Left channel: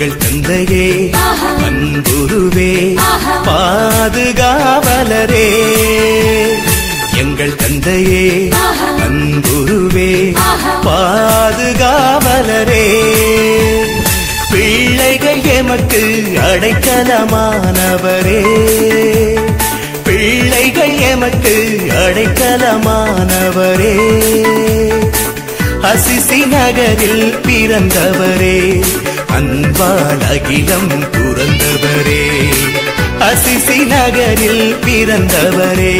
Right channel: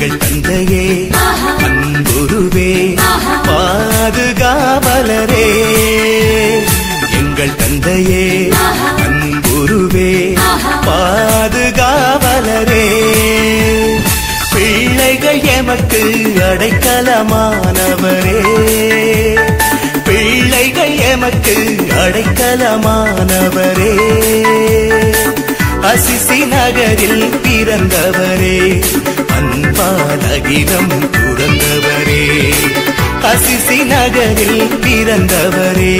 எங்கள் தந்தையே அன்புருவே பாதுகாவலரே, எங்கள் தந்தையே அன்புருவே பாதுகாவலரே, பிள்ளைகள் எமக்கு அடைக்கலமானவரே, பிள்ளைகள் எமக்கு அடைக்கலமானவரே, அசிசி நகரில் பிறந்தவரே, அன்பால் அகிலம் துறந்தவரே, அசிசி நகரில் பிறந்தவரே,